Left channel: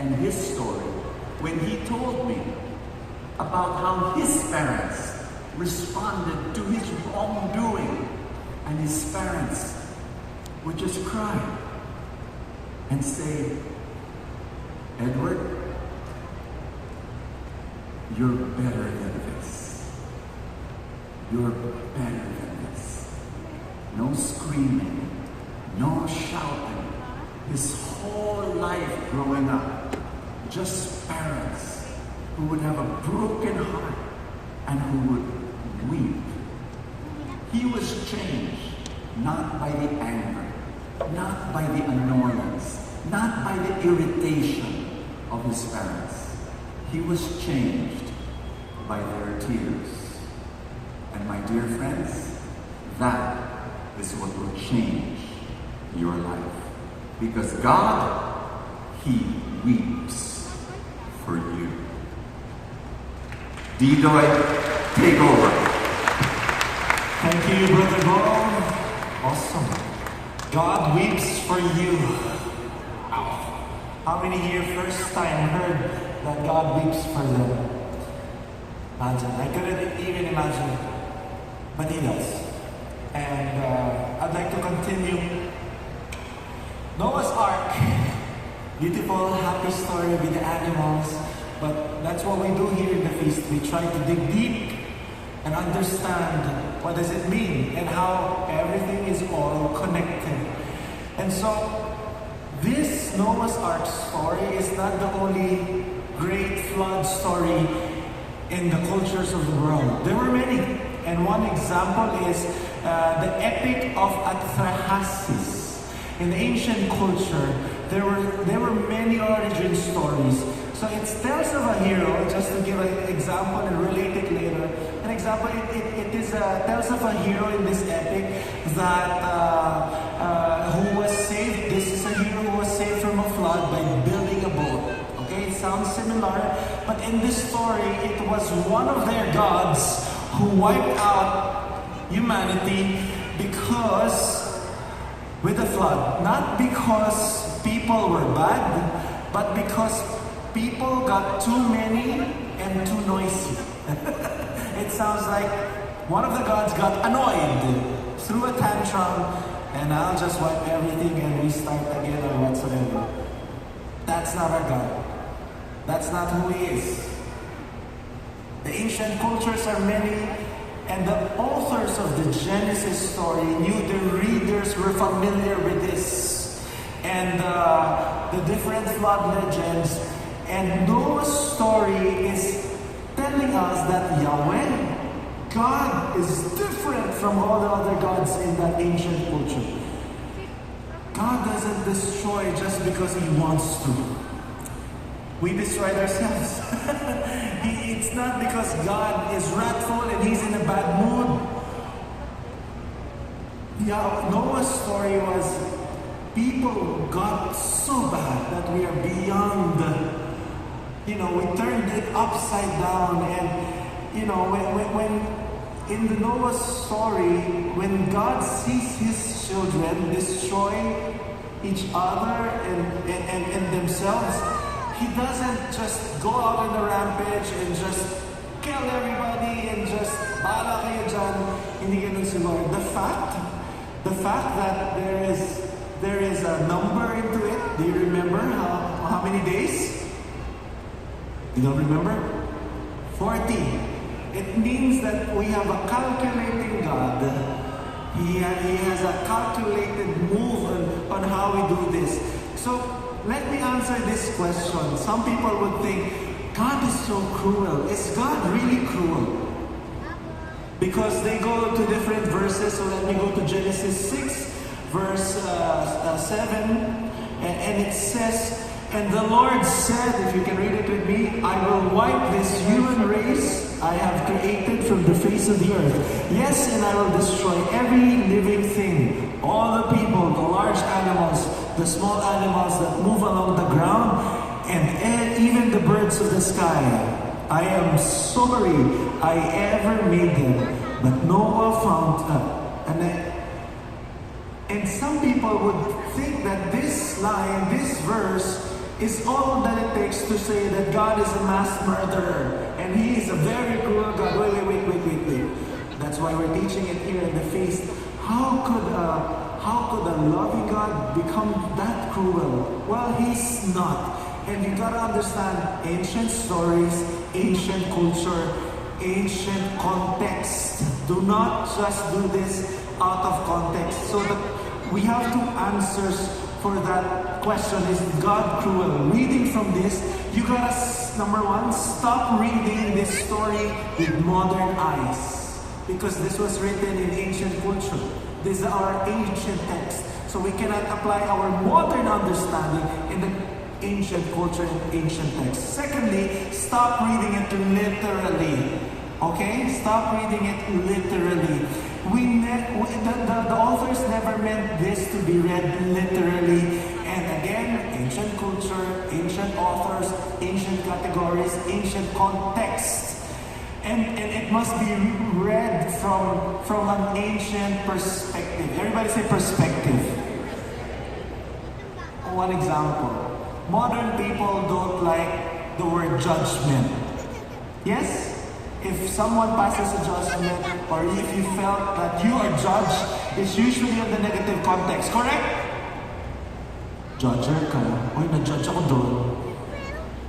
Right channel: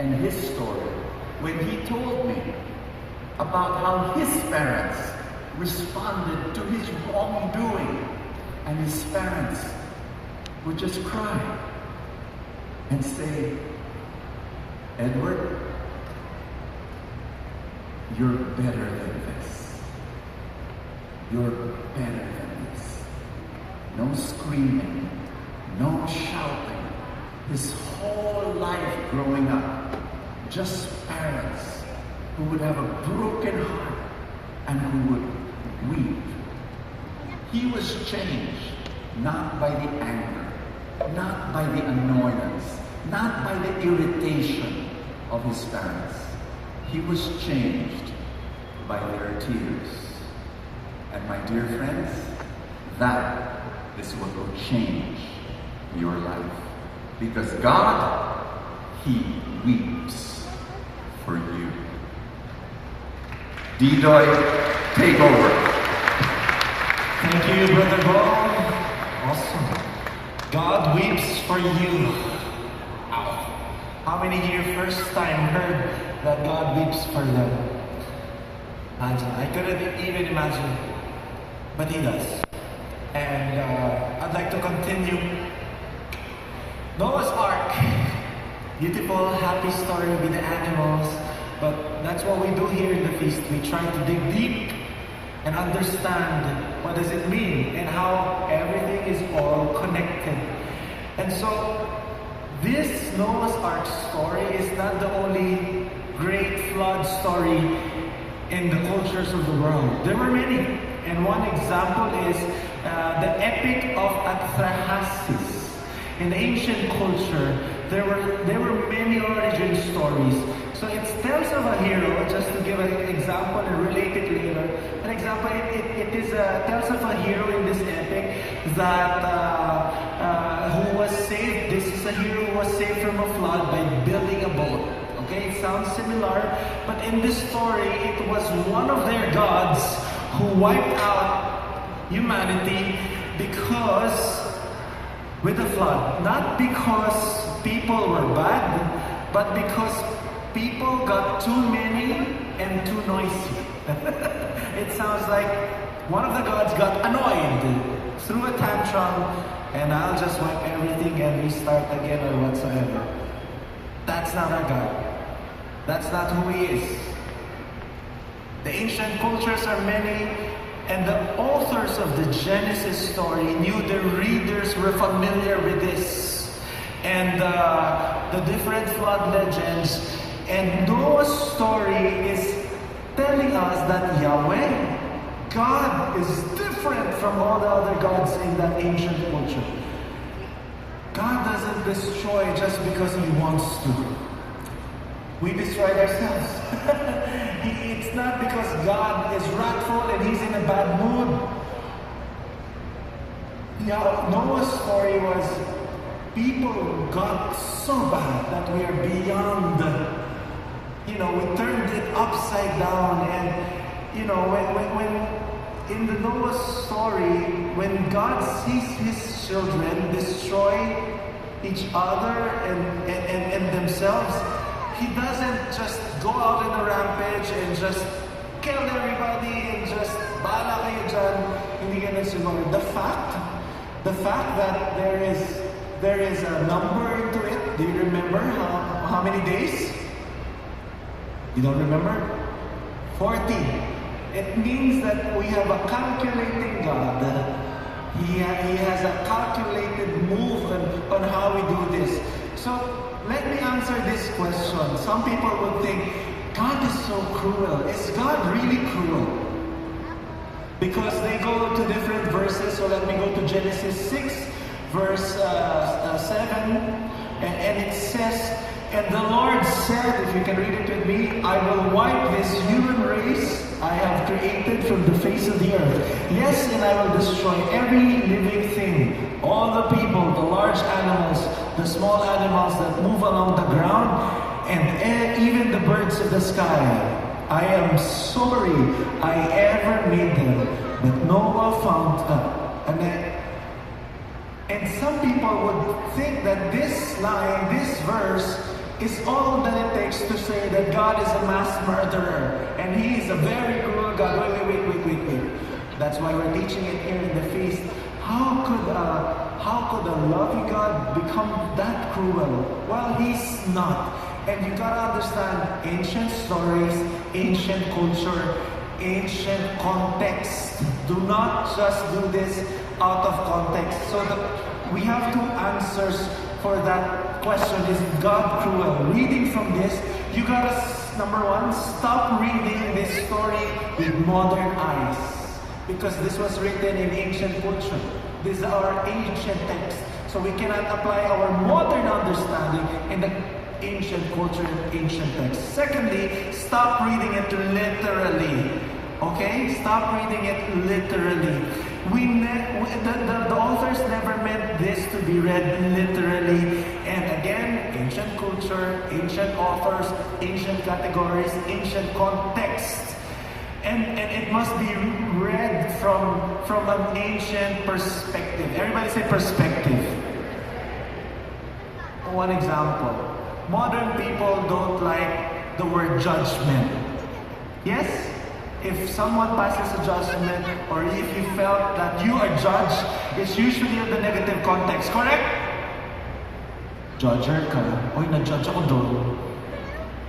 and his story when he told me about how his parents responded to his wrongdoing, and his parents would just cry and say, Edward, you're better than this. You're better than this. No screaming, no shouting. His whole life growing up, just parents who would have a broken heart and who would weep. He was changed not by the anger, not by the annoyance, not by the irritation of his parents. He was changed by their tears. And my dear friends, that is what will change your life. Because God, He weeps for you. Didoy, take over. Thank you, Brother Bob. Awesome. God weeps for you. Wow. How many here first time heard that God weeps for them? Imagine. I couldn't even imagine. But He does. And I'd like to continue. Noah's Ark. Beautiful, happy story with the animals. But that's what we do here in the feast. We try to dig deep and understand what does it mean and how everything is all connected. And so this Noah's Ark story is not the only great flood story in the cultures of the world. There were many, and one example is the epic of Atharhasis. In the ancient culture, there were many origin stories. So it tells of a hero, just to give an example and relate it later. An example, it tells of a hero in this epic that who was saved. This is a hero who was saved from a flood by building a boat. Okay, it sounds similar, but in this story, it was one of their gods who wiped out humanity with the flood. Not because people were bad, but because people got too many and too noisy. It sounds like one of the gods got annoyed, threw a tantrum, and I'll just wipe everything and restart again or whatsoever. That's not our God. That's not who He is. The ancient cultures are many, and the authors of the Genesis story knew the readers were familiar with this, and the different flood legends. And Noah's story is telling us that Yahweh, God, is different from all the other gods in that ancient culture. God doesn't destroy just because He wants to. We destroy ourselves. It's not because God is wrathful and He's in a bad mood. Noah's story was people got so bad that we are beyond. We turned it upside down, and when in the Noah's story, when God sees His children destroy each other and themselves, He doesn't just go out on a rampage and just kill everybody and just bala kayo dyan. Hindi ganun siguro. The fact that there is a number into it. Do you remember how many days? You don't remember? 40. It means that we have a calculating God. He has a calculated move on how we do this. So let me answer this question. Some people would think, God is so cruel. Is God really cruel? Because they go to different verses. So let me go to Genesis 6, verse 7. And it says, and the Lord said, if you can read it with me, I will wipe this human race I have created from the face of the earth. Yes, and I will destroy every living thing, all the people, the large animals, the small animals that move along the ground, and even the birds of the sky. I am sorry I ever made them, but Noah found and some people would think that this line, this verse, is all that it takes to say that God is a mass murderer and He is a very cruel God. Wait. That's why we're teaching it here in the feast. How could a loving God become that cruel? Well, He's not. And you gotta understand ancient stories, ancient culture, ancient context. Do not just do this out of context. So we have two answers for that question. Is God cruel? Reading from this, you gotta, number one, stop reading this story with modern eyes. Because this was written in ancient culture. These are ancient texts. So we cannot apply our modern understanding in the ancient culture and ancient text. Secondly, stop reading it literally. Okay? Stop reading it literally. The authors never meant this to be read literally. And again, ancient culture, ancient authors, ancient categories, ancient context. And it must be read from an ancient perspective. Everybody say perspective. One example. Modern people don't like the word judgment. Yes? If someone passes a judgment, or if you felt that you are judged, it's usually in the negative context, correct? Judger ka. Oy, na-judge ako doon.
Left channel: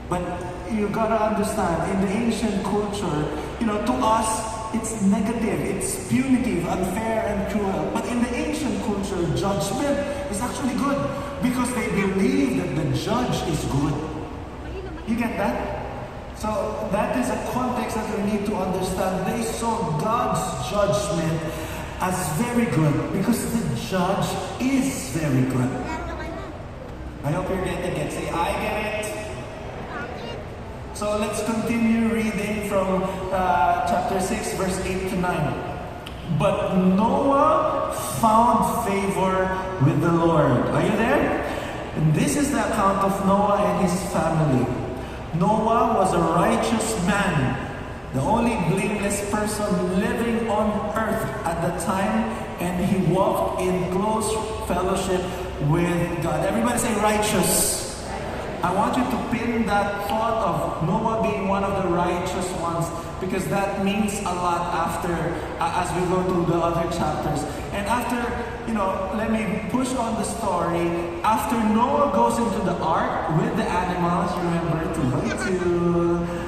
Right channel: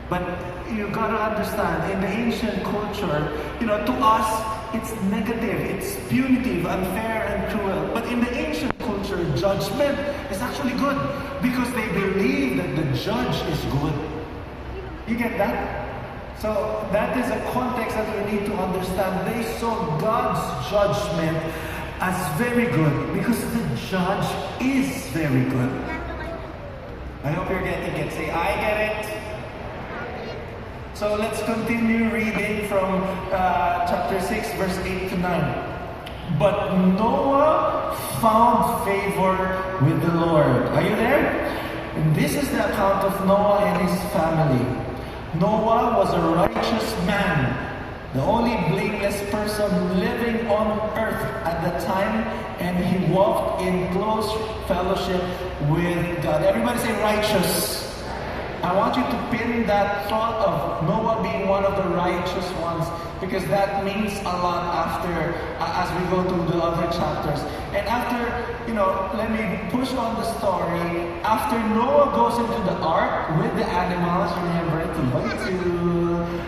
But you gotta understand, in the ancient culture, to us, it's negative, it's punitive, unfair, and cruel. But in the ancient culture, judgment is actually good because they believe that the judge is good. You get that? So that is a context that we need to understand. They saw God's judgment as very good because the judge is very good. I hope you're getting it. Say, I get it. So let's continue reading from chapter 6, verse 8 to 9. But Noah found favor with the Lord. Are you there? And this is the account of Noah and his family. Noah was a righteous man, the only blameless person living on earth at the time, and he walked in close fellowship with God. Everybody say righteous. I want you to pin that thought of Noah being one of the righteous ones, because that means a lot after, as we go through the other chapters. And after, let me push on the story. After Noah goes into the ark with the animals, remember,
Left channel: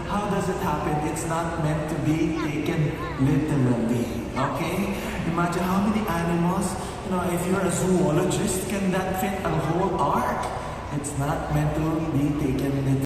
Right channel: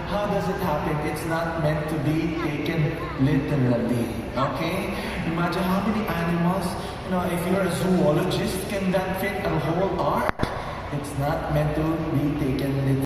how does it happen? It's not meant to be taken literally, okay? Imagine how many animals, if you're a zoologist, can that fit a whole ark? It's not meant to be taken literally.